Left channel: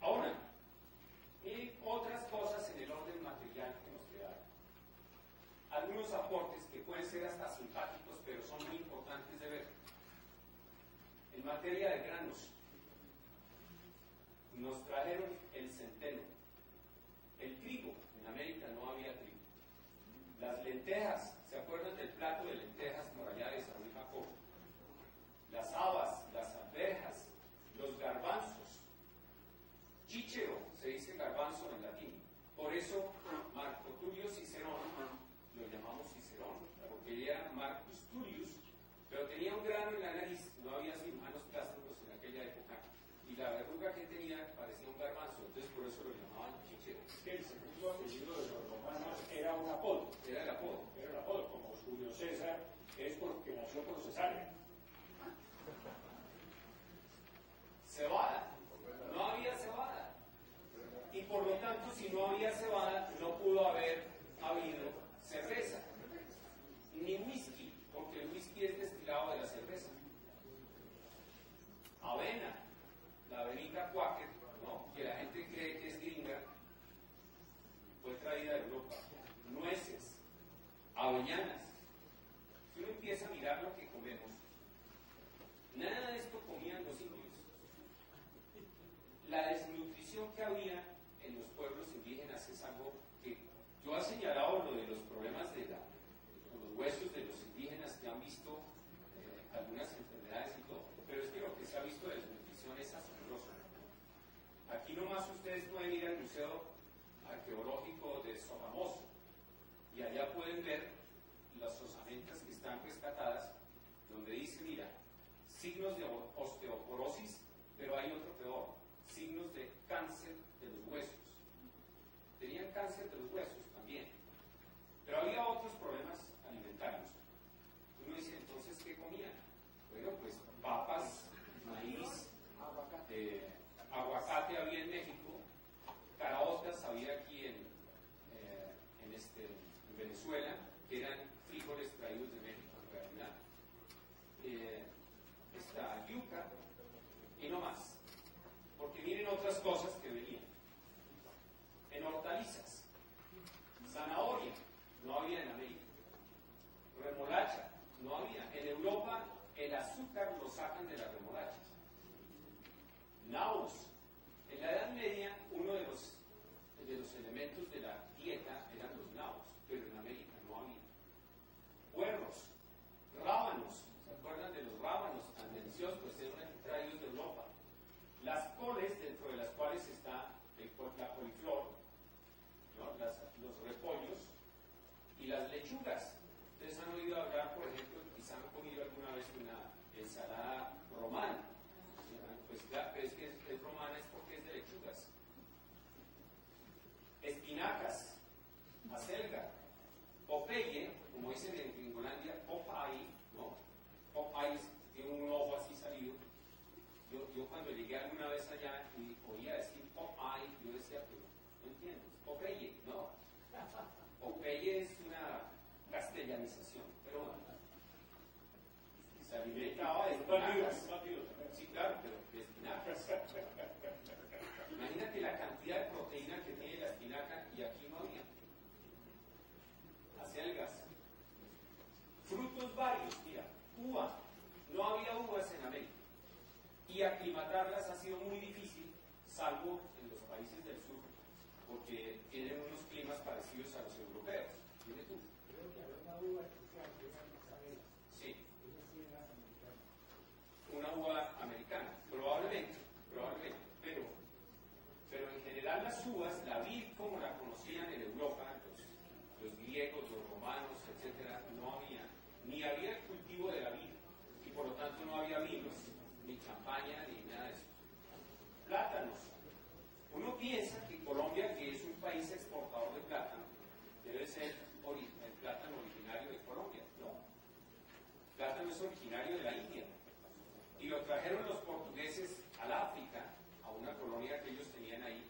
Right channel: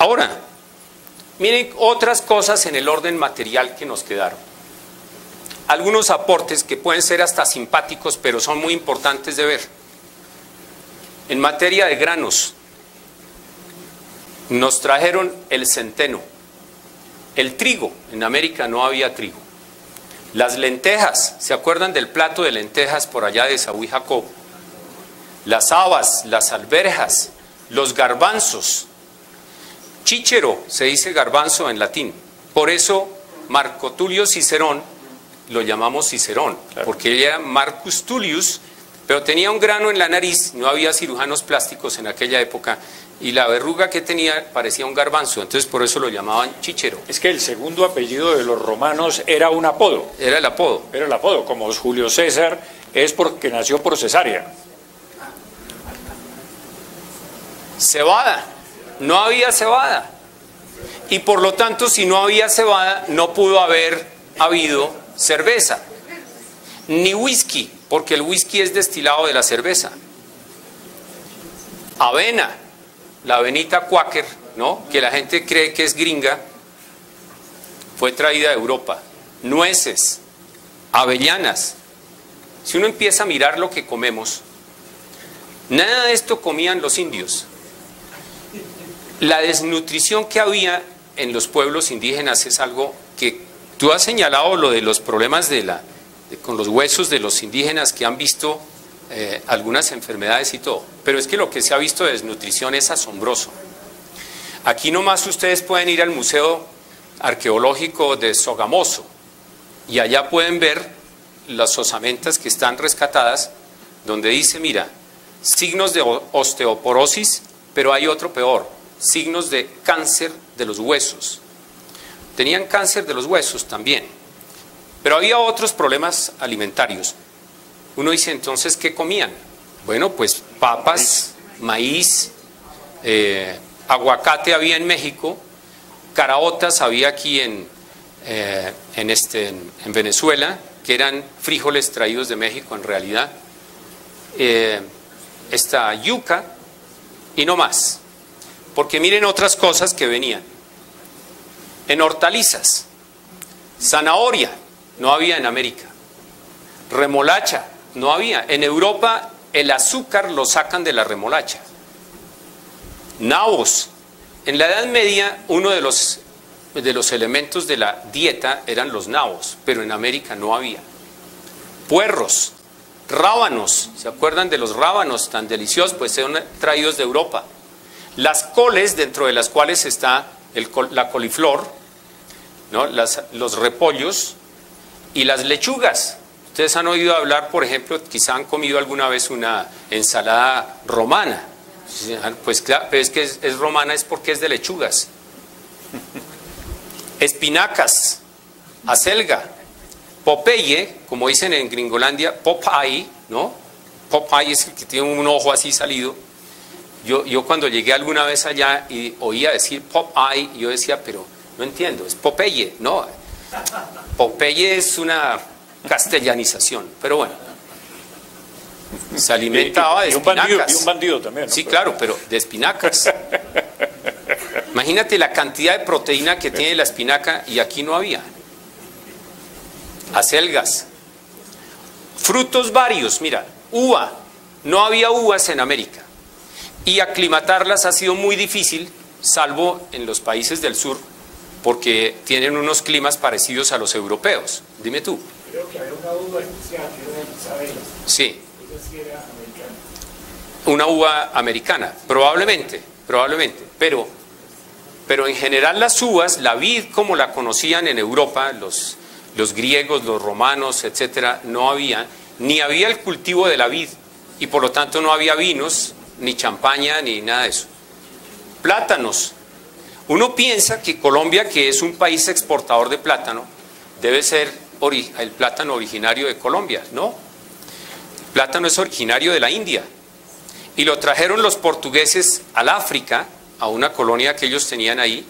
Ahora, miren otras cosas en el orden material que nos quedaron. Algunos aportes que pueden ser hasta simpáticos, pero son muy importantes de ver. En materia de granos, nos trajeron el centeno, el trigo. En América no había trigo. Las lentejas, ¿se acuerdan del plato de lentejas por allá de Esaú y Jacob? Las habas, las alberjas, los garbanzos. Chíchero, se dice garbanzo en latín. Por eso Marco Tulio Cicerón, lo llamamos Cicerón, claro, porque él era Marcus Tullius, pero tenía un grano en la nariz, no había cirujanos plásticos en aquella época, y la verruga que tenía parecía un garbanzo, entonces por eso lo llamaban chíchero. Es que el segundo apellido de los romanos era un apodo. Era el apodo. Era el apodo, como Julio César es porque nació por cesárea. Cebada, no había cebada. Y por lo tanto, si no había cebada, no pudo haber habido cerveza, ni whisky, porque el whisky es destilado de la cerveza. Avena, la avenita Quaker, ¿no?, que la gente cree que es gringa, fue traída de Europa. Nueces, avellanas. Si uno empieza a mirar lo que comemos, nada de esto comían los indios. La desnutrición que había en los pueblos indígenas es algo que tú has señalado, lo de los problemas con los huesos de los indígenas que han visto algunas enfermedades y todo, pero es que lo que se ha visto de desnutrición es asombroso. Aquí nomás ustedes pueden ir al Museo Arqueológico de Sogamoso y allá pueden ver las osamentas que están rescatadas, donde dice, mira, signos de osteoporosis, pero hay otro peor, signos de cáncer de los huesos. Tenían cáncer de los huesos también, pero había otros problemas alimentarios. Uno dice, entonces, ¿qué comían? Bueno, pues papas, maíz, aguacate había en México, caraotas había aquí en Venezuela, que eran frijoles traídos de México en realidad, esta yuca y no más. Porque miren otras cosas que venían. En hortalizas, zanahoria, no había en América. Remolacha, no había. En Europa el azúcar lo sacan de la remolacha. Nabos. En la Edad Media uno de los elementos de la dieta eran los nabos, pero en América no había. Puerros, rábanos, ¿se acuerdan de los rábanos tan deliciosos? Pues son traídos de Europa. Las coles, dentro de las cuales está la coliflor, ¿no?, los repollos y las lechugas. Ustedes han oído hablar, por ejemplo, quizá han comido alguna vez una ensalada romana. Pues claro, pero es que es romana es porque es de lechugas. Espinacas, acelga, Popeye, como dicen en Gringolandia, Popeye, ¿no? Popeye es el que tiene un ojo así salido. Yo cuando llegué alguna vez allá y oía decir Popeye, yo decía, pero no entiendo, es Popeye, ¿no? Popeye es una castellanización, pero bueno. Se alimentaba de espinacas. Y un bandido también, ¿no? Sí, claro, pero de espinacas. Imagínate la cantidad de proteína que tiene la espinaca y aquí no había. Acelgas. Frutos varios, mira, uva. No había uvas en América. Y aclimatarlas ha sido muy difícil, salvo en los países del sur, porque tienen unos climas parecidos a los europeos. Dime tú. Creo que había una uva especial, que era Isabela. Sí. Esa sí era americana. Una uva americana, probablemente, pero en general las uvas, la vid como la conocían en Europa, los griegos, los romanos, etcétera, no había, ni había el cultivo de la vid, y por lo tanto no había vinos, ni champaña, ni nada de eso. Plátanos. Uno piensa que Colombia, que es un país exportador de plátano, debe ser el plátano originario de Colombia, ¿no? El plátano es originario de la India. Y lo trajeron los portugueses al África, a una colonia que ellos tenían ahí,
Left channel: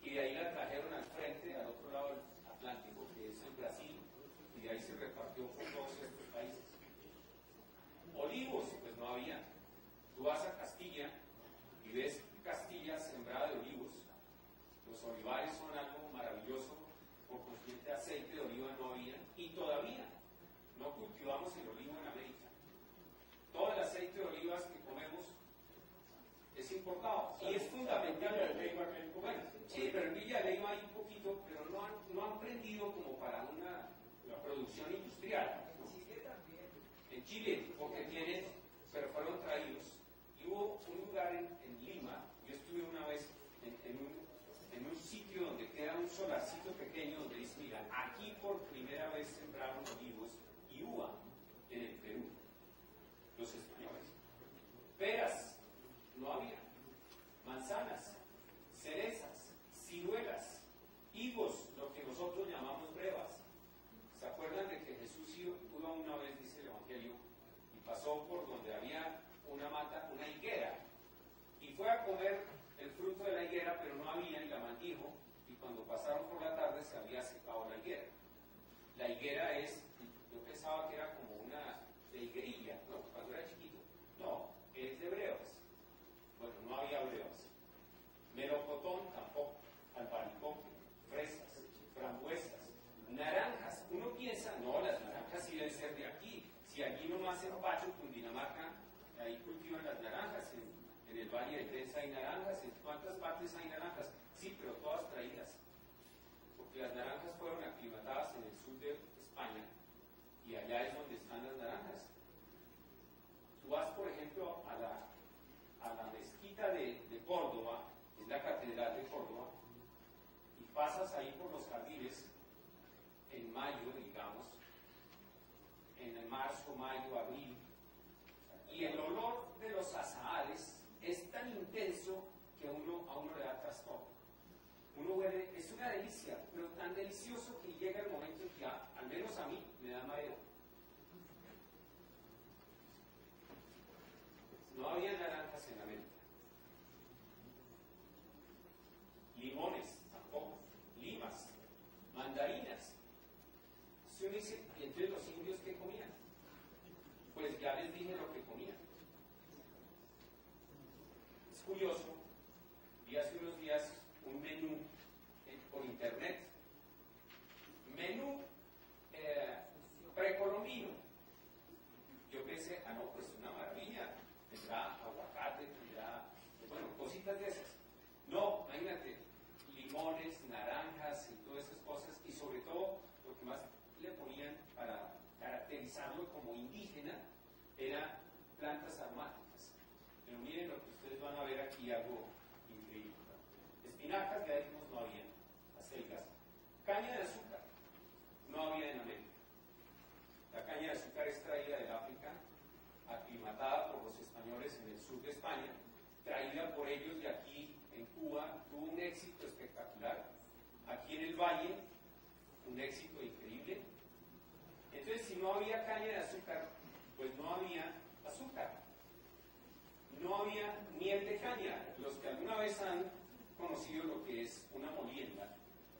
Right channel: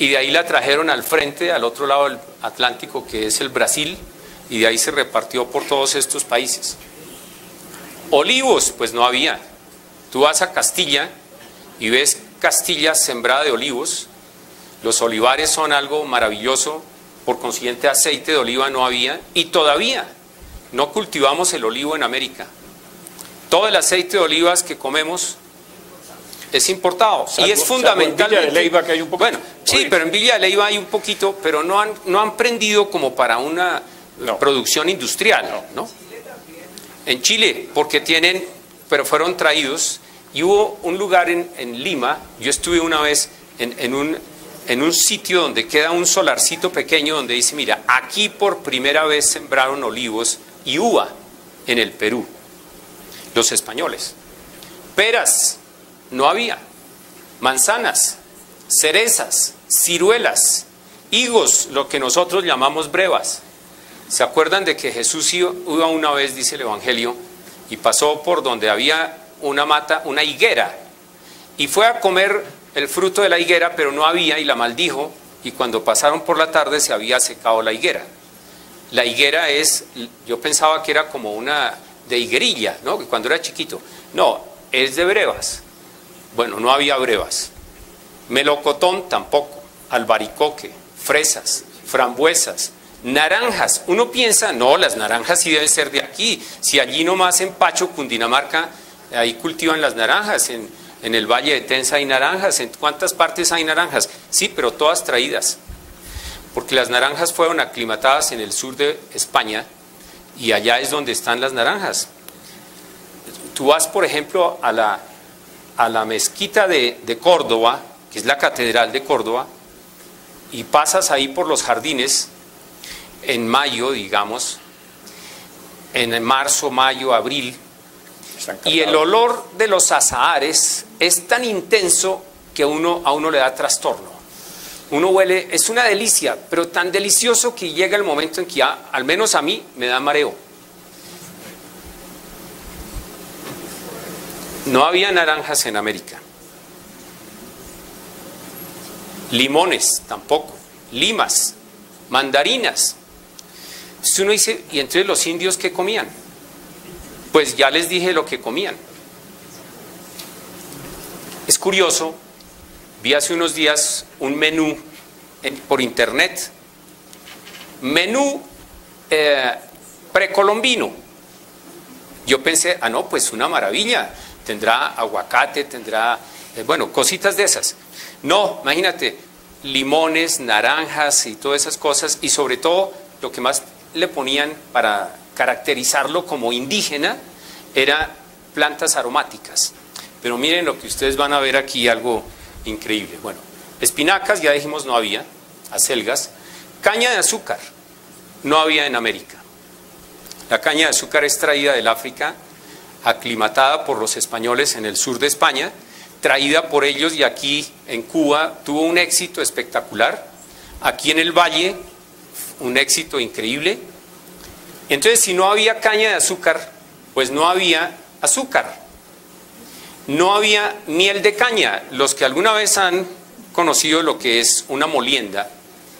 y de ahí la trajeron al frente, al otro lado del Atlántico, que es el Brasil, y de ahí se repartió por todos estos países. Olivos, pues no había. Tú vas a Castilla y ves Castilla sembrada de olivos, Los olivares son algo maravilloso, por consiguiente aceite de oliva no había y todavía no cultivamos el olivo en América. Todo el aceite de olivas que comemos es importado y es fundamental. En Villa de Leyva que hay un poquito. Bueno, sí, pero en Villa de Leyva hay un poquito, pero no han prendido como para una producción industrial, ¿no? En Chile, porque tienen, pero fueron traídos, y hubo un lugar en Lima, yo estuve una vez en un sitio donde queda un solarcito pequeño donde dice, mira, aquí por primera vez sembraron olivos y uva en el Perú, los españoles. Peras, no había. Manzanas, cerezas, ciruelas, higos, lo que nosotros llamamos brevas. ¿Se acuerdan de que Jesús iba una vez, dice el Evangelio, y pasó por donde había una mata, una higuera, y fue a comer el fruto de la higuera, pero no había, y la maldijo, y cuando pasaron por la tarde se había secado la higuera. La higuera es, yo pensaba que era como una de higuerilla, ¿no? Que cuando era chiquito. No, es de brevas. Bueno, no había brevas. Melocotón tampoco, albaricoque, fresas, frambuesas, naranjas. Uno piensa, no, las naranjas sí deben ser de aquí. Si allí nomás en Pacho, Cundinamarca, ahí cultivan las naranjas. En el Valle de Tensa hay naranjas. ¿En cuántas partes hay naranjas? Sí, pero todas traídas. Porque las naranjas fueron aclimatadas en el sur de España y allá es donde están las naranjas. Tú vas, por ejemplo, a la mezquita de Córdoba, que es la catedral de Córdoba, y pasas ahí por los jardines en mayo, digamos, en marzo, mayo, abril, y el olor de los azahares es tan intenso que a uno le da trastorno. Uno huele, es una delicia, pero tan delicioso que llega el momento en que ya, al menos a mí, me da mareo. No había naranjas en América. Limones tampoco. Limas, mandarinas. Entonces uno dice, ¿y entonces los indios qué comían? Pues ya les dije lo que comían. Es curioso, vi hace unos días un menú por internet. Menú precolombino. Yo pensé, no, pues una maravilla. Tendrá aguacate, tendrá, bueno, cositas de esas. No, imagínate, limones, naranjas y todas esas cosas, y sobre todo lo que más le ponían para caracterizarlo como indígena era plantas aromáticas. Pero miren lo que ustedes van a ver aquí, algo increíble. Bueno, espinacas, ya dijimos, no había, acelgas. Caña de azúcar, no había en América. La caña de azúcar es traída del África, aclimatada por los españoles en el sur de España, traída por ellos, y aquí en Cuba tuvo un éxito espectacular. Aquí en el Valle, un éxito increíble. Entonces, si no había caña de azúcar, pues no había azúcar. No había miel de caña. Los que alguna vez han conocido lo que es una molienda,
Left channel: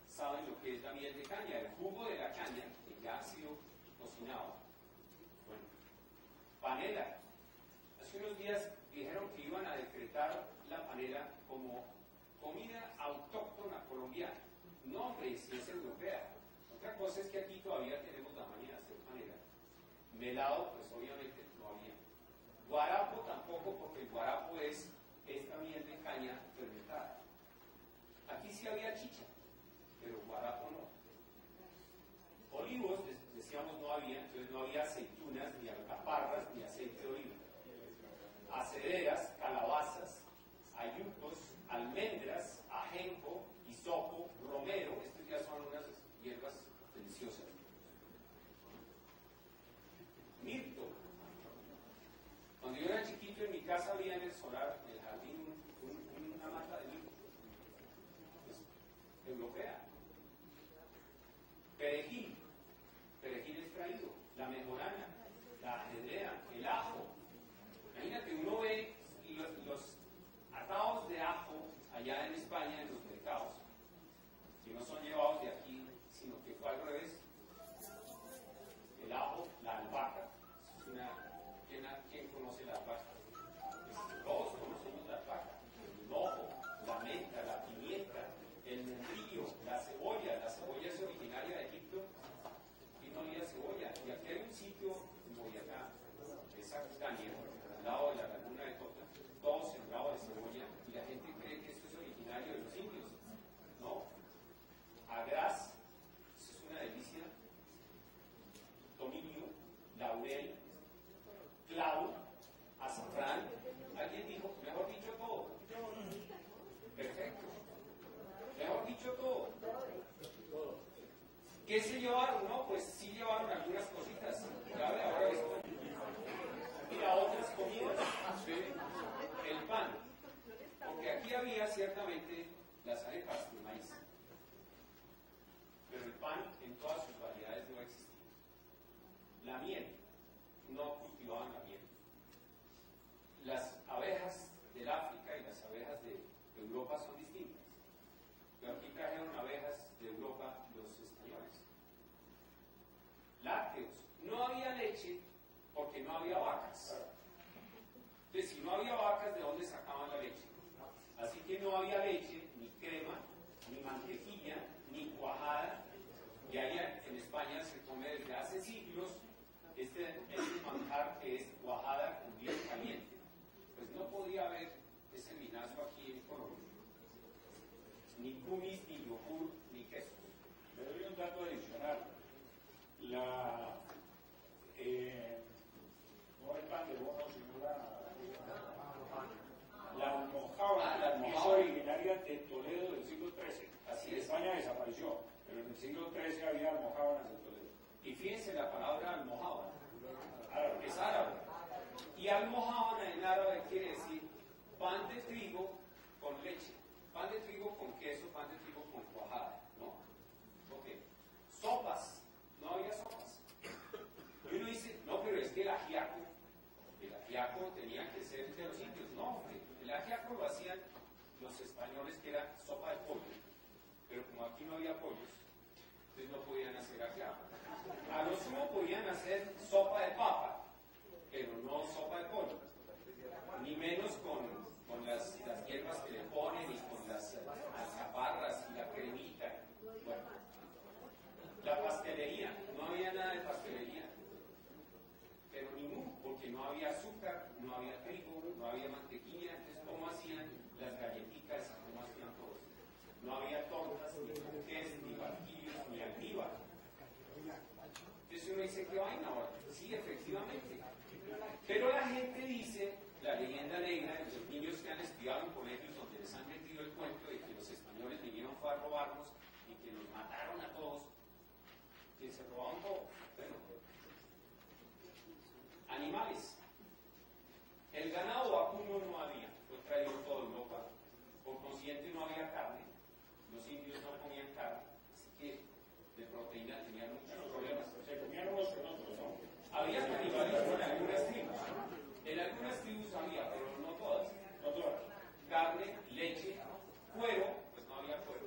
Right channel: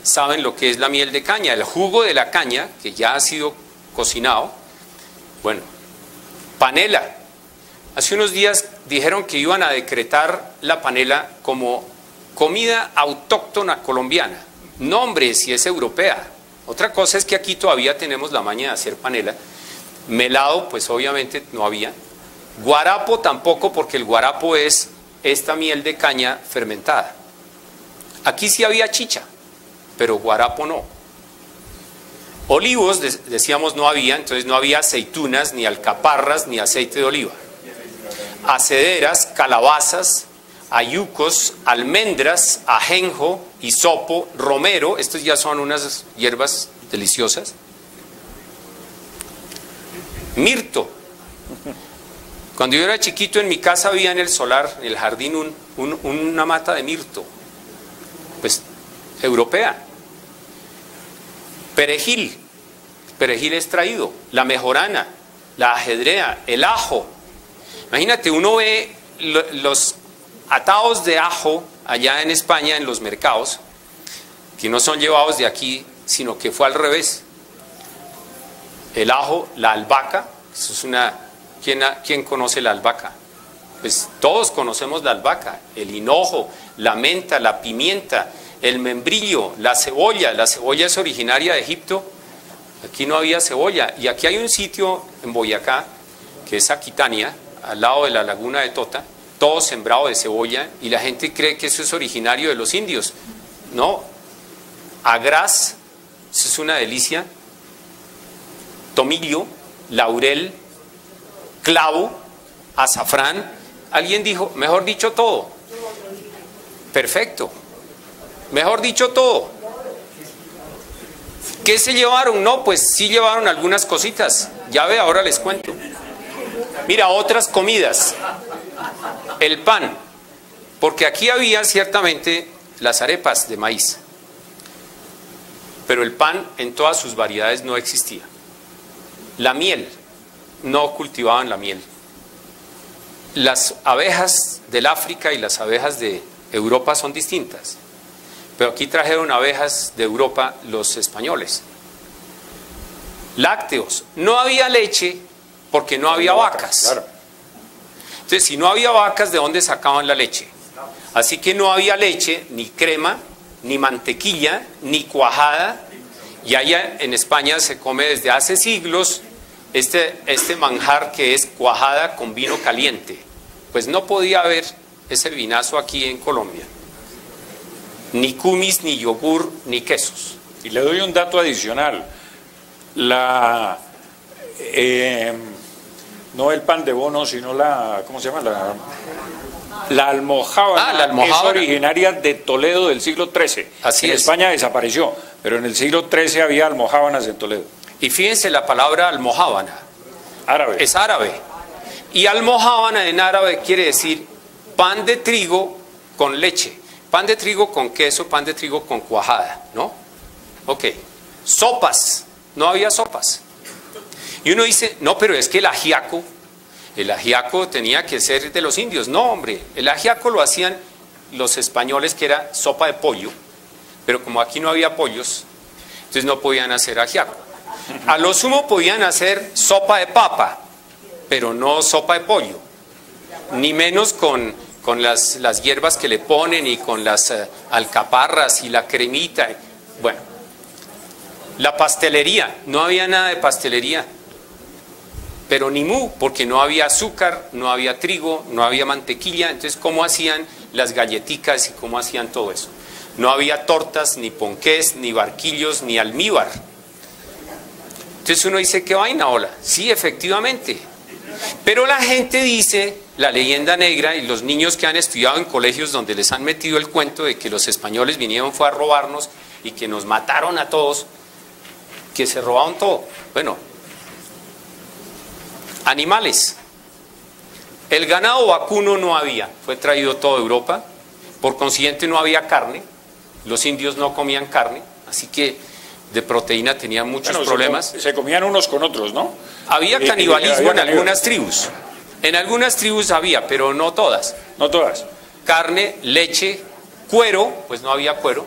saben lo que es la miel de caña, el jugo de la caña, que ya ha sido cocinado. Bueno, panela. Hace unos días dijeron que iban a decretar la panela como comida autóctona colombiana. No, hombre, si es europea. Otra cosa es que aquí todavía tenemos la maña de hacer panela. Melado, pues obviamente no había. Guarapo tampoco, porque el guarapo es esta miel de caña fermentada. Aquí sí había chicha, pero guarapo no. Olivos, decíamos, no había, entonces no había aceitunas, ni alcaparras, ni aceite de oliva. Acederas, calabazas, ayucos, almendras, ajenjo, hisopo, romero, estos ya son unas hierbas deliciosas. Mirto. Cuando yo era chiquito, en mi casa había en el solar, en el jardín, una mata de mirto, pues europea. Perejil, perejil extraído, la mejorana, la ajedrea, el ajo. Imagínate, uno ve los atados de ajo allá en España en los mercados, que no son llevados de aquí, sino que fue al revés. El ajo, la albahaca, eso es una... ¿Quién conoce la albahaca? Pues todos conocemos la albahaca, el hinojo, la menta, la pimienta, el membrillo, la cebolla. La cebolla es originaria de Egipto. Aquí no había cebolla. Y aquí hay un sitio en Boyacá, que es Aquitania, al lado de la laguna de Tota, todo sembrado de cebolla, y la gente cree que eso es originario de los indios. No. Agraz, eso es una delicia. Tomillo, laurel, clavo, azafrán. Alguien dijo, mejor dicho, todo. Perfecto. Mejor dicho, todo. ¿Qué se llevaron? No, pues sí llevaron algunas cositas. Ya ve, ahora les cuento. Mira, otras comidas. El pan. Porque aquí había ciertamente las arepas de maíz. Pero el pan en todas sus variedades no existía. La miel. No cultivaban la miel. Las abejas del África y las abejas de Europa son distintas. Pero aquí trajeron abejas de Europa los españoles. Lácteos. No había leche porque no había vacas. Claro. Entonces, si no había vacas, ¿de dónde sacaban la leche? Así que no había leche, ni crema, ni mantequilla, ni cuajada. Y allá en España se come desde hace siglos este manjar que es cuajada con vino caliente. Pues no podía haber ese vinazo aquí en Colombia. Ni kumis, ni yogur, ni quesos. Y le doy un dato adicional. No el pan de bono, sino ¿cómo se llama? La almojábana. Ah, la almojábana. Es originaria de Toledo del siglo XIII. Así en es. España desapareció, pero en el siglo XIII había almojábanas en Toledo. Y fíjense la palabra almojábana. Árabe. Es árabe. Y almojábana en árabe quiere decir pan de trigo con leche. Pan de trigo con queso, pan de trigo con cuajada, ¿no? Ok. Sopas. No había sopas. Y uno dice, no, pero es que el ajiaco tenía que ser de los indios. No, hombre, el ajiaco lo hacían los españoles, que era sopa de pollo, pero como aquí no había pollos, entonces no podían hacer ajiaco. A lo sumo podían hacer sopa de papa, pero no sopa de pollo, ni menos con las hierbas que le ponen y con las alcaparras y la cremita. Bueno, la pastelería, no había nada de pastelería. Pero ni mu, porque no había azúcar, no había trigo, no había mantequilla. Entonces, ¿cómo hacían las galletitas y cómo hacían todo eso? No había tortas, ni ponqués, ni barquillos, ni almíbar. Entonces uno dice, ¿qué vaina, hola? Sí, efectivamente. Pero la gente dice, la leyenda negra, y los niños que han estudiado en colegios donde les han metido el cuento de que los españoles vinieron fue a robarnos y que nos mataron a todos, que se robaron todo. Bueno, animales. El ganado vacuno no había, fue traído todo de Europa, por consiguiente no había carne, los indios no comían carne, así que de proteína tenían muchos problemas. Se comían unos con otros, ¿no? Había canibalismo en algunas tribus, en algunas tribus había, pero no todas. No todas. Carne, leche, cuero, pues no había cuero,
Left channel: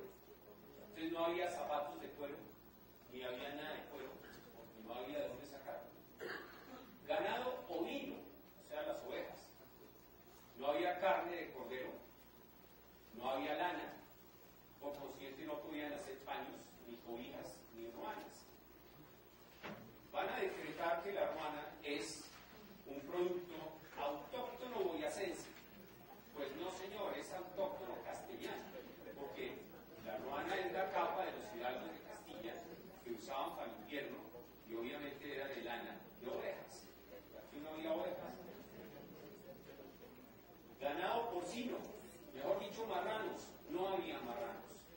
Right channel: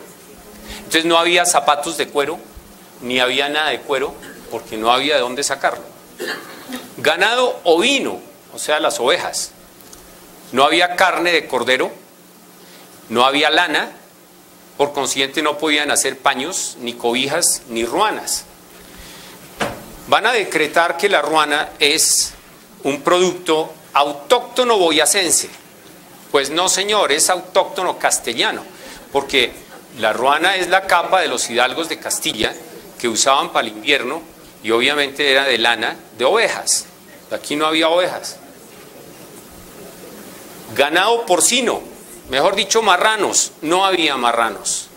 entonces no había zapatos de cuero, ni había nada de cuero, porque no había de dónde sacarlo. Ganado ovino, o sea, las ovejas. No había carne de cordero, no había lana, por consiguiente no podían hacer paños, ni cobijas, ni ruanas. Van a decretar que la ruana es un producto autóctono boyacense. Pues no, señor, es autóctono castellano, porque la ruana es la capa de los hidalgos de Castilla que usaban para el invierno y obviamente era de lana de ovejas. Aquí no había ovejas. Ganado porcino, mejor dicho marranos, no había marranos.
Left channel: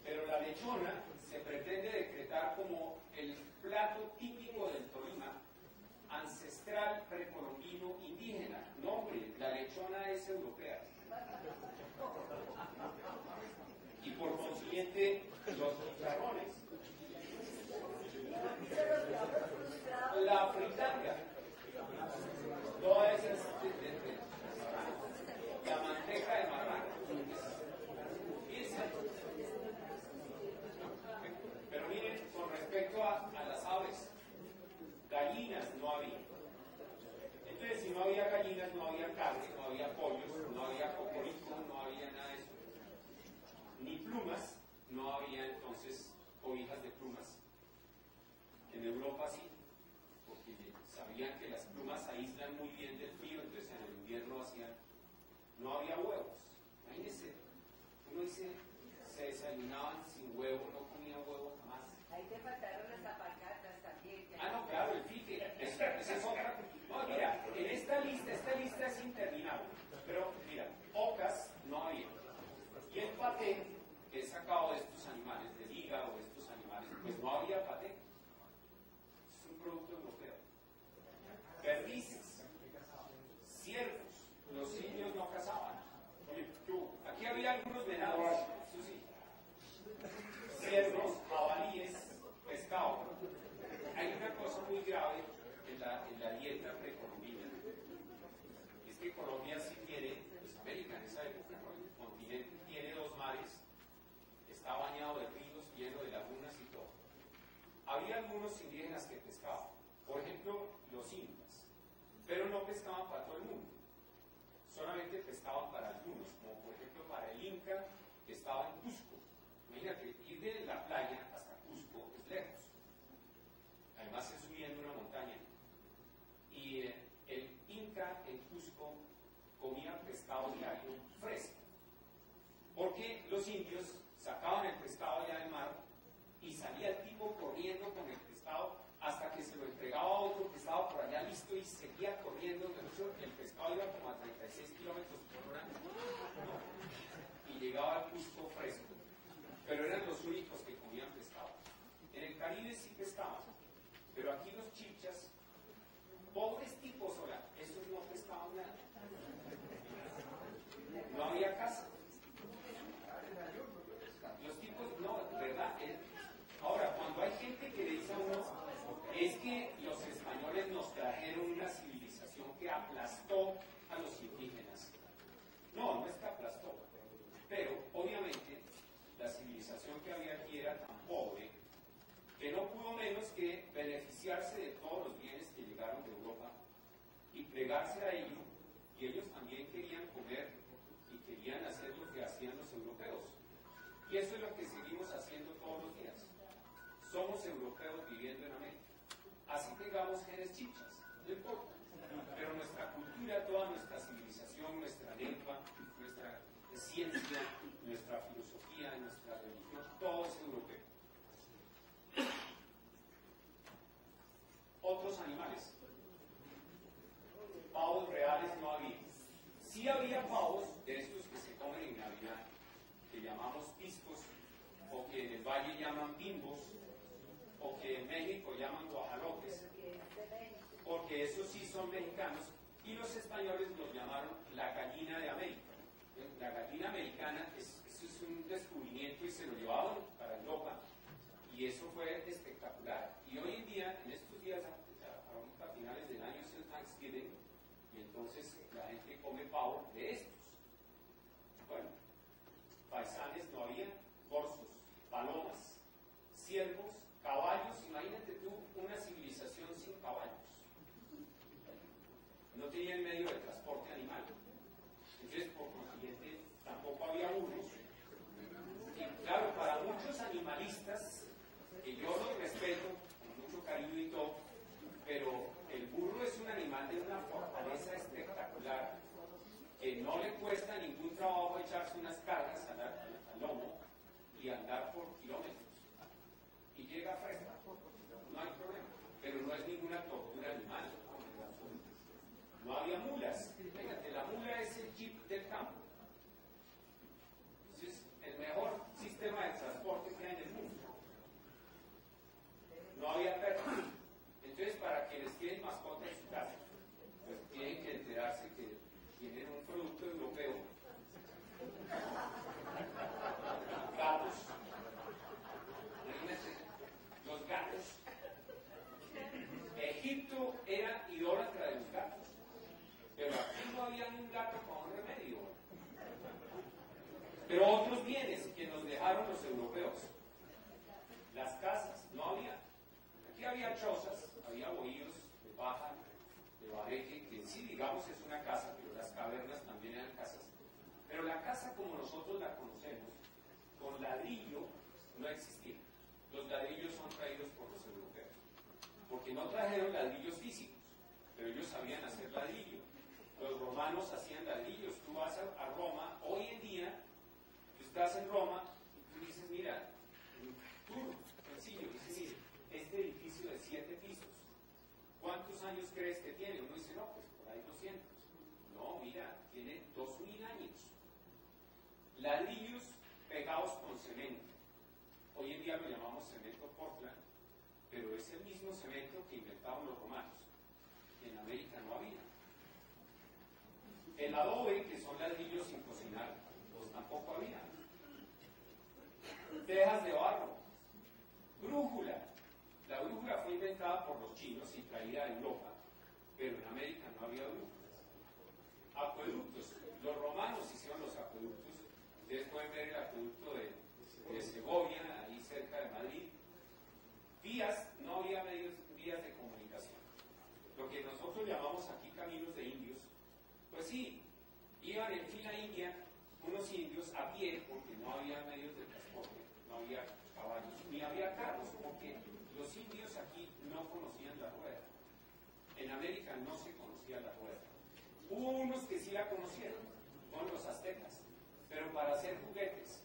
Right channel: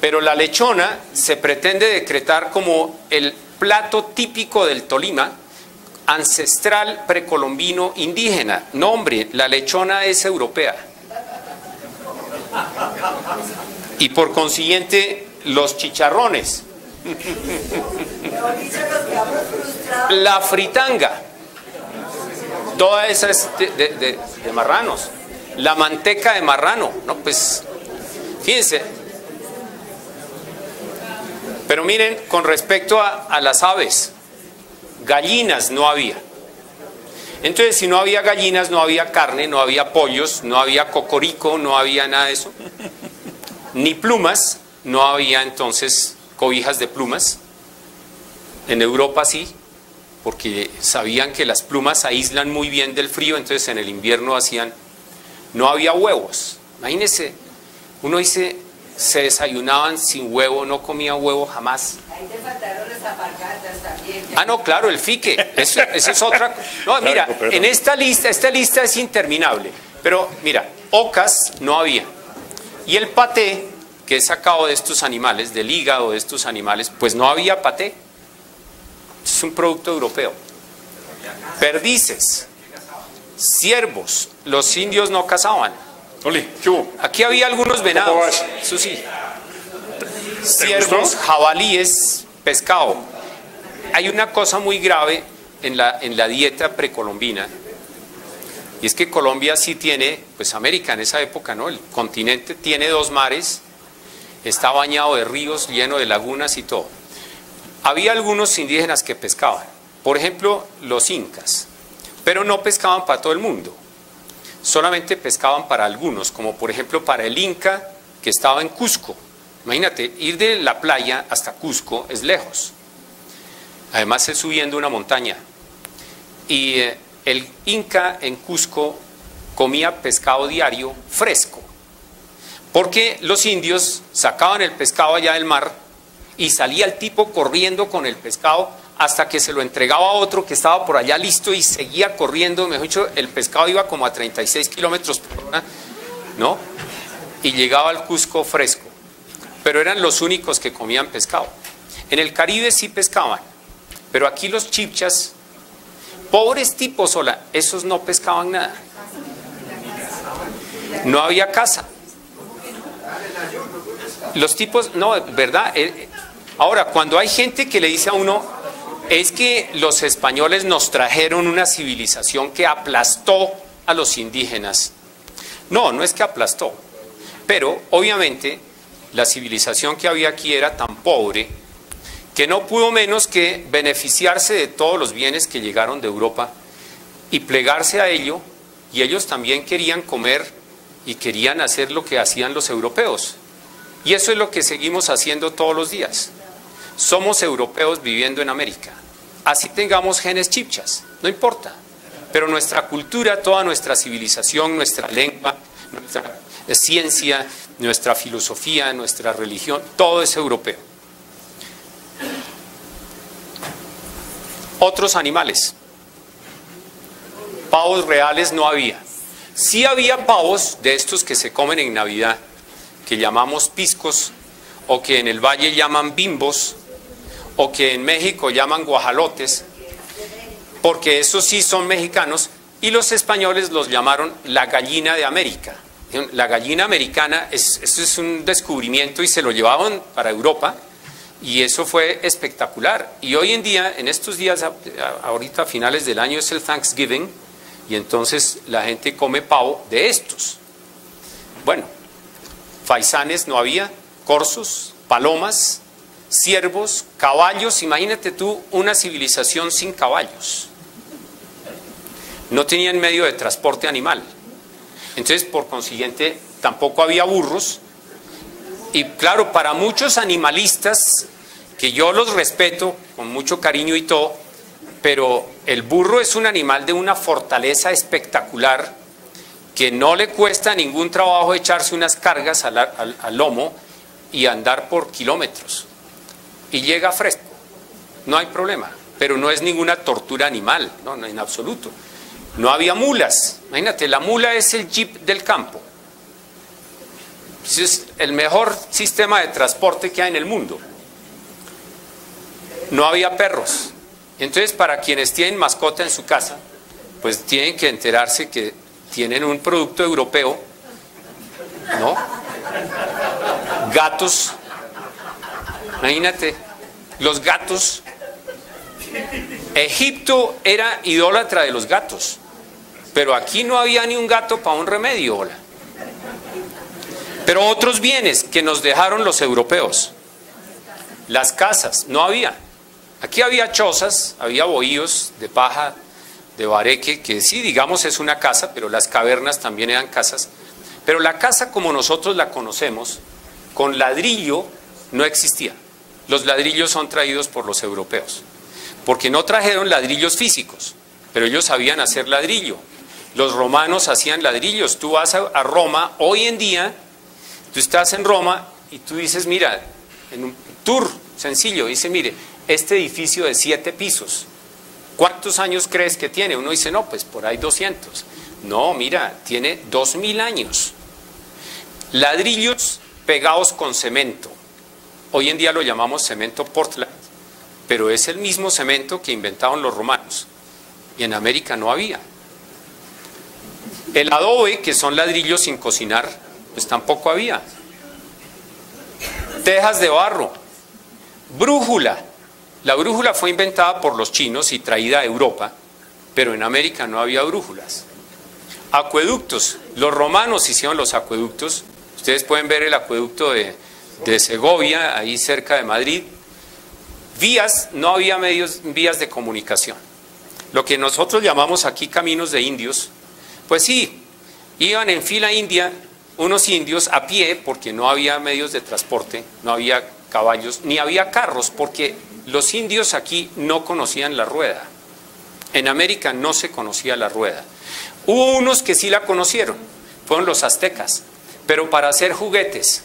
Pero la lechona se pretende decretar como el plato típico del Tolima, ancestral, precolombino, indígena. No, hombre, la lechona es europea. Y por consiguiente, los chicharrones. La fritanga, toda esa es de marranos. La manteca de marrano, no, pues, fíjense. Pero miren, con respecto a las aves, gallinas no había. Entonces, si no había gallinas, no había carne, no había pollos, no había cocorico, no había nada de eso, ni plumas, no había entonces cobijas de plumas. En Europa sí, porque sabían que las plumas aíslan muy bien del frío, entonces en el invierno hacían... No había huevos. Imagínense, uno dice, se desayunaban sin huevo, no comía huevo jamás. Ahí te faltaron las alpargatas también. Ah, no, claro, el fique, eso es otra... No, mira, en esta lista es interminable, pero mira, ocas no había. Y el paté, que es sacado de estos animales, del hígado de estos animales, pues no había paté. Es un producto europeo. Perdices, ciervos, los indios no cazaban. Oli, ¿qué hubo? Aquí había algunos venados, eso sí. Ciervos, jabalíes, pescado. Hay una cosa muy grave en la dieta precolombina, y es que Colombia sí tiene, pues América en esa época, ¿no? El continente tiene 2 mares, está bañado de ríos, lleno de lagunas y todo. Había algunos indígenas que pescaban, por ejemplo, los incas, pero no pescaban para todo el mundo, solamente pescaban para algunos, como por ejemplo para el inca que estaba en Cusco. Imagínate, ir de la playa hasta Cusco es lejos, además es subiendo una montaña, y el inca en Cusco comía pescado diario fresco, porque los indios sacaban el pescado allá del mar y salía el tipo corriendo con el pescado hasta que se lo entregaba a otro que estaba por allá listo y seguía corriendo. Mejor dicho, el pescado iba como a 36 kilómetros por hora, ¿no? Y llegaba al Cusco fresco, pero eran los únicos que comían pescado. En el Caribe sí pescaban, pero aquí los chibchas, pobres tipos, sola, esos no pescaban nada. No había caza. Los tipos, no, ¿verdad? Ahora, cuando hay gente que le dice a uno, es que los españoles nos trajeron una civilización que aplastó a los indígenas. No, no es que aplastó, pero obviamente la civilización que había aquí era tan pobre que no pudo menos que beneficiarse de todos los bienes que llegaron de Europa y plegarse a ello, y ellos también querían comer y querían hacer lo que hacían los europeos. Y eso es lo que seguimos haciendo todos los días. Somos europeos viviendo en América. Así tengamos genes chibchas, no importa. Pero nuestra cultura, toda nuestra civilización, nuestra lengua, nuestra ciencia, nuestra filosofía, nuestra religión, todo es europeo. Otros animales. Pavos reales no había. Sí había pavos de estos que se comen en Navidad, que llamamos piscos, o que en el valle llaman bimbos, o que en México llaman guajalotes, porque esos sí son mexicanos, y los españoles los llamaron la gallina de América. La gallina americana, eso es un descubrimiento, y se lo llevaban para Europa, y eso fue espectacular. Y hoy en día, en estos días, ahorita a finales del año es el Thanksgiving, y entonces la gente come pavo de estos. Bueno, faisanes no había, corzos, palomas, ciervos, caballos. Imagínate tú una civilización sin caballos. No tenían medio de transporte animal. Entonces, por consiguiente, tampoco había burros. Y claro, para muchos animalistas, que yo los respeto con mucho cariño y todo, pero el burro es un animal de una fortaleza espectacular, que no le cuesta ningún trabajo echarse unas cargas al lomo y andar por kilómetros. Y llega fresco, no hay problema, pero no es ninguna tortura animal, no, en absoluto. No había mulas, imagínate, la mula es el jeep del campo. Es el mejor sistema de transporte que hay en el mundo. No había perros. Entonces, para quienes tienen mascota en su casa, pues tienen que enterarse que tienen un producto europeo, ¿no? Gatos. Imagínate, los gatos. Egipto era idólatra de los gatos, pero aquí no había ni un gato para un remedio. Hola. Pero otros bienes que nos dejaron los europeos. Las casas, no había. Aquí había chozas, había bohíos de paja, de Bareque, que sí, digamos, es una casa, pero las cavernas también eran casas. Pero la casa como nosotros la conocemos, con ladrillo, no existía. Los ladrillos son traídos por los europeos, porque no trajeron ladrillos físicos, pero ellos sabían hacer ladrillo. Los romanos hacían ladrillos. Tú vas a Roma, hoy en día, tú estás en Roma y tú dices, mira, en un tour sencillo, dice, mire, este edificio de 7 pisos, ¿cuántos años crees que tiene? Uno dice, no, pues por ahí 200. No, mira, tiene 2000 años. Ladrillos pegados con cemento. Hoy en día lo llamamos cemento Portland, pero es el mismo cemento que inventaron los romanos. Y en América no había. El adobe, que son ladrillos sin cocinar, pues tampoco había. Tejas de barro. Brújula. La brújula fue inventada por los chinos y traída a Europa, pero en América no había brújulas. Acueductos. Los romanos hicieron los acueductos. Ustedes pueden ver el acueducto de Segovia, ahí cerca de Madrid. Vías, no había vías de comunicación. Lo que nosotros llamamos aquí caminos de indios, pues sí, iban en fila india unos indios a pie, porque no había medios de transporte, no había caballos, ni había carros, porque los indios aquí no conocían la rueda. En América no se conocía la rueda. Hubo unos que sí la conocieron, fueron los aztecas, pero para hacer juguetes.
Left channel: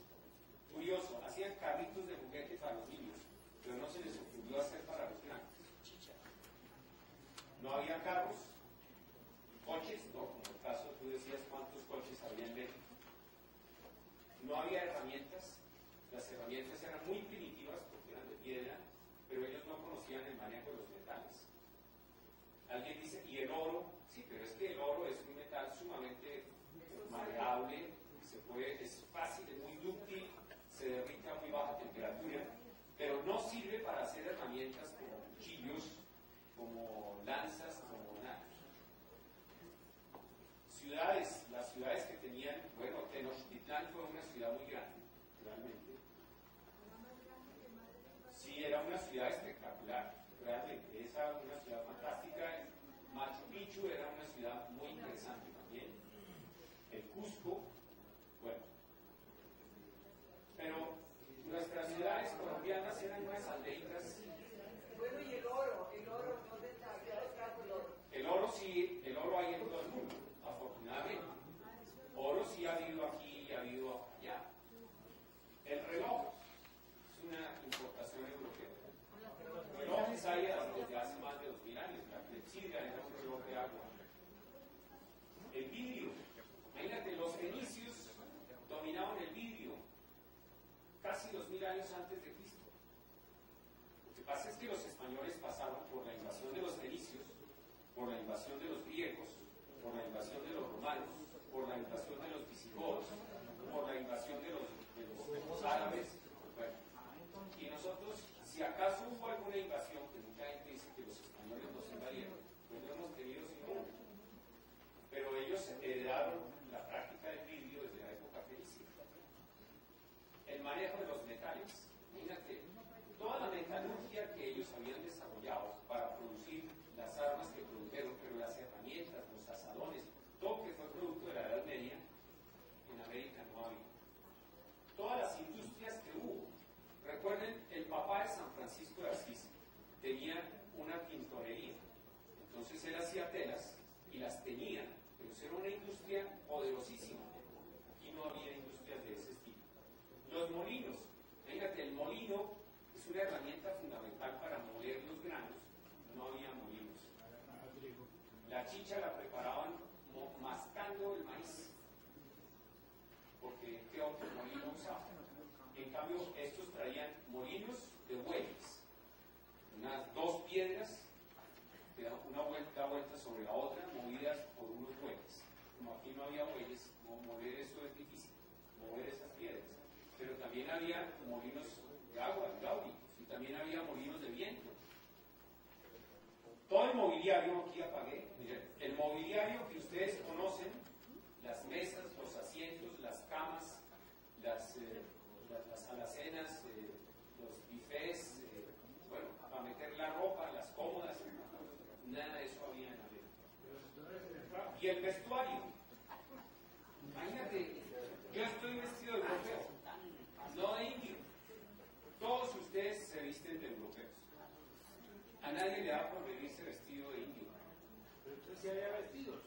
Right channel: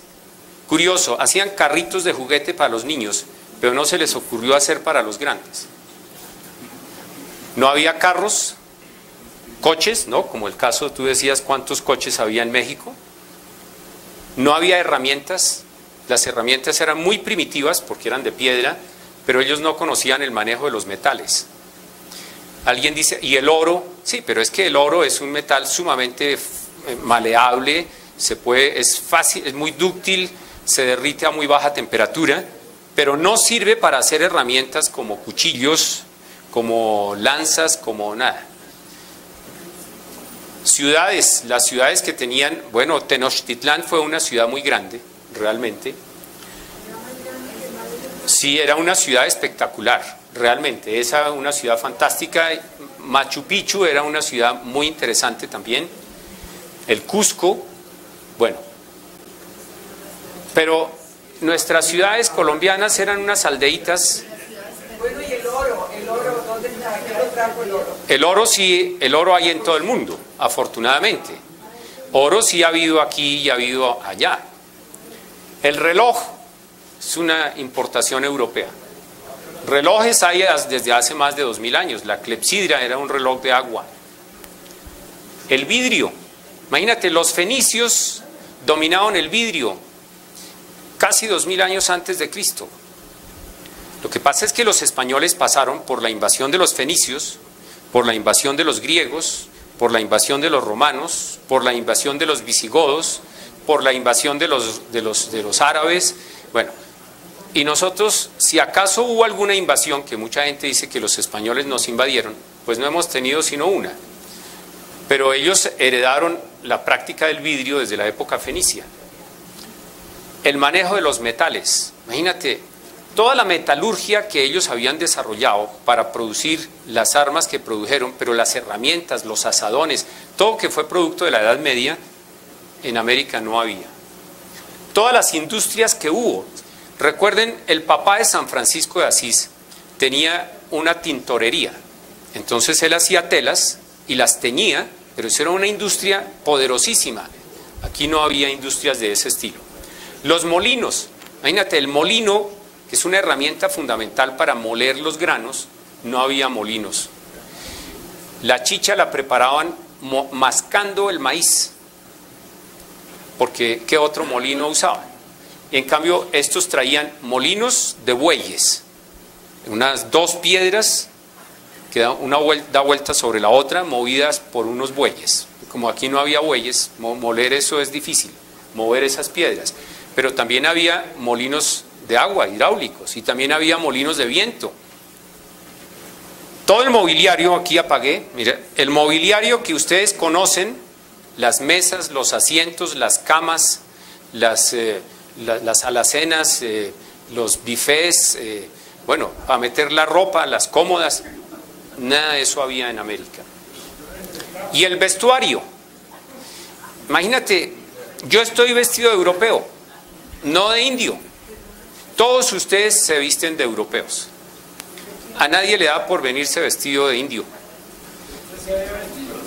Curioso, hacían carritos de juguete para los niños, pero no se les ocurrió hacer para los grandes. No había carros, coches, ¿no? Como el caso, tú decías cuántos coches había en México. No había herramientas, las herramientas eran muy primitivas porque eran de piedra, pero ellos no conocían el manejo de los metales. Alguien dice, ¿y el oro? Sí, pero es que el oro es un metal sumamente maleable, es fácil, es muy dúctil, se derrite a muy baja temperatura, pero no sirve para hacer herramientas como cuchillos, como lanzas, como nada. Ciudades, las ciudades que tenían, bueno, Tenochtitlán fue una ciudad muy grande, realmente. Sí, era una ciudad espectacular, realmente, esa una ciudad fantástica. Machu Picchu era una ciudad muy interesante también. El Cusco, bueno. Pero nuestras ciudades colombianas eran unas aldeitas. Bueno, y el oro, ¿dónde está? ¿Qué lo trajo el oro? El oro sí, el oro hay en todo el mundo, afortunadamente. Oro sí ha habido aquí y ha habido allá. El reloj es una importación europea. Relojes hay desde hace más de 2000 años. La clepsidra era un reloj de agua. El vidrio. Imagínate, los fenicios dominaron el vidrio casi 2000 años antes de Cristo. Lo que pasa es que los españoles pasaron por la invasión de los fenicios, por la invasión de los griegos, por la invasión de los romanos, por la invasión de los visigodos, por la invasión de los árabes. Bueno, y nosotros, si acaso hubo alguna invasión, que mucha gente dice que los españoles nos invadieron, pues no hemos tenido sino una. Pero ellos heredaron la práctica del vidrio desde la época fenicia. El manejo de los metales. Imagínate, toda la metalurgia que ellos habían desarrollado para producir las armas que produjeron, pero las herramientas, los azadones, todo que fue producto de la Edad Media, en América no había. Todas las industrias que hubo. Recuerden, el papá de San Francisco de Asís tenía una tintorería. Entonces él hacía telas y las teñía, pero eso era una industria poderosísima. Aquí no había industrias de ese estilo. Los molinos. Imagínate, el molino, que es una herramienta fundamental para moler los granos, no había molinos. La chicha la preparaban mascando el maíz, porque ¿qué otro molino usaban? En cambio, estos traían molinos de bueyes, unas 2 piedras que una da vuelta sobre la otra, movidas por unos bueyes. Como aquí no había bueyes, moler eso es difícil, mover esas piedras. Pero también había molinos de agua, hidráulicos, y también había molinos de viento. Todo el mobiliario, aquí apagué, mira, el mobiliario que ustedes conocen, las mesas, los asientos, las camas, las alacenas, los bufés, bueno, para meter la ropa, las cómodas, Nada de eso había en América. Y el vestuario. Imagínate, yo estoy vestido de europeo, no de indio. Todos ustedes se visten de europeos. A nadie le da por venirse vestido de indio.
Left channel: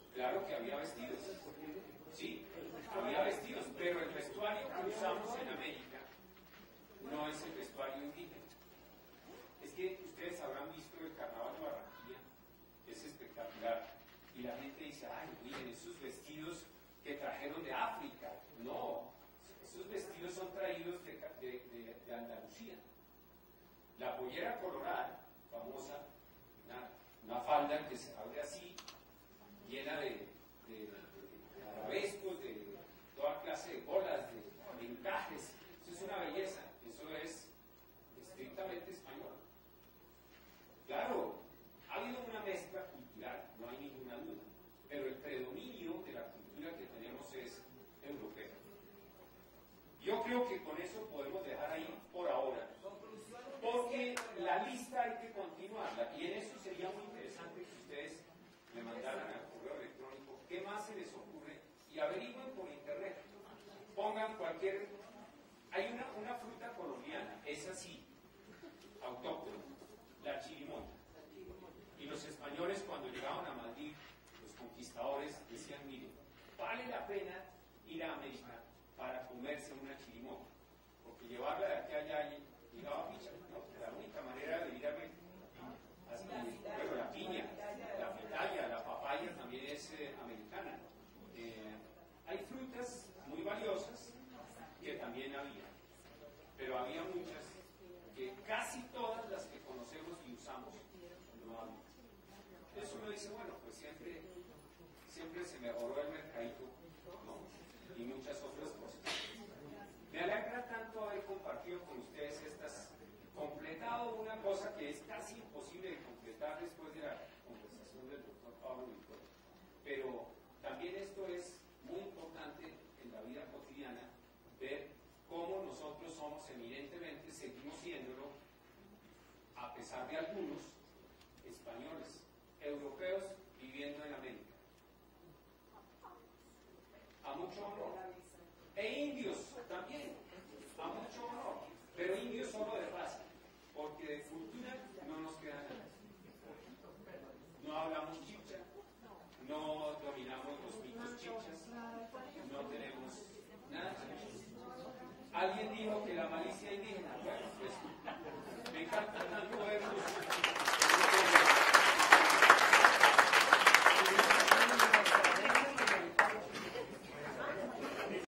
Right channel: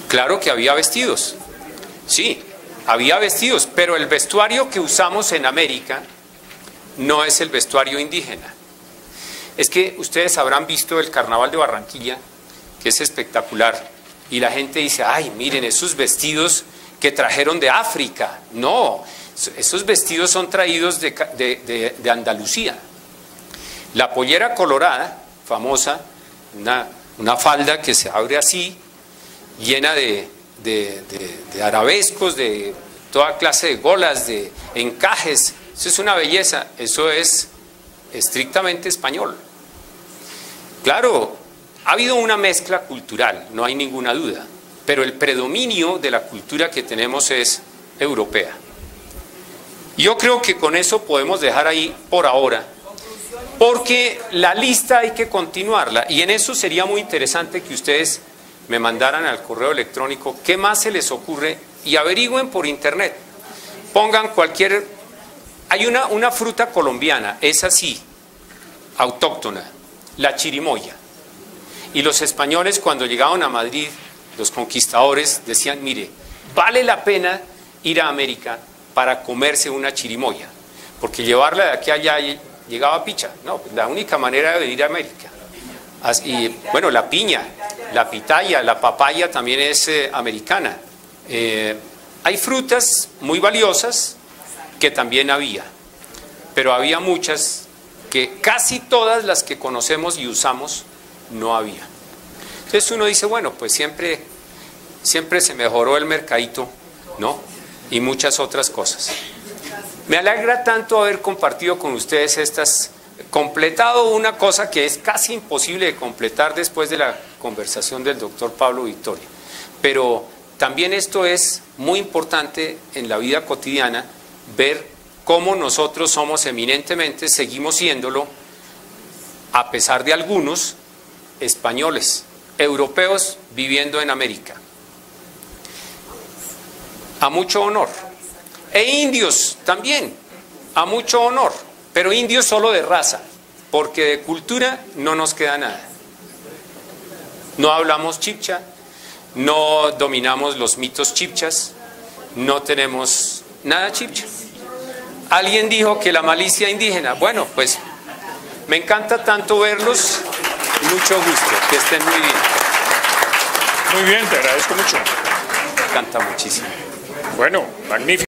Claro que había vestidos. Sí, había vestidos, pero el vestuario que usamos en América no es el vestuario indígena. Es que ustedes habrán visto el Carnaval de Barranquilla, que es espectacular, y la gente dice, ay, miren esos vestidos que trajeron de África. No, esos vestidos son traídos de Andalucía. La pollera colorada, famosa, una falda que se abre así, llena de arabescos, de toda clase de golas, de encajes. Eso es una belleza, eso es estrictamente español. Claro, ha habido una mezcla cultural, no hay ninguna duda, pero el predominio de la cultura que tenemos es europea. Yo creo que con eso podemos dejar ahí por ahora, porque la lista hay que continuarla, y en eso sería muy interesante que ustedes me mandaran al correo electrónico qué más se les ocurre y averigüen por internet. Pongan cualquier... Hay una fruta colombiana, es así, autóctona, la chirimoya. Y los españoles cuando llegaban a Madrid, los conquistadores, decían, mire, vale la pena ir a América para comerse una chirimoya, porque llevarla de aquí a allá llegaba picha. No, la única manera de ir a América. Y bueno, la piña, la pitaya, la papaya también es americana. Hay frutas muy valiosas que también había, pero había muchas que casi todas las que conocemos y usamos no había. Entonces uno dice, bueno, pues siempre se mejoró el mercadito, ¿no? Y muchas otras cosas. Me alegra tanto haber compartido con ustedes completado una cosa que es casi imposible de completar después de la conversación del doctor Pablo Victoria. Pero también esto es muy importante en la vida cotidiana, ver cómo nosotros somos eminentemente, seguimos siéndolo, a pesar de algunos, españoles, europeos viviendo en América. A mucho honor. E indios también, a mucho honor. Pero indios solo de raza, porque de cultura no nos queda nada. No hablamos chibcha, no dominamos los mitos chibchas, no tenemos nada chibcha. Alguien dijo que la malicia indígena. Bueno, pues me encanta tanto verlos. Mucho gusto, que estén muy bien. Muy bien, te agradezco mucho. Me encanta muchísimo. Bueno, magnífico.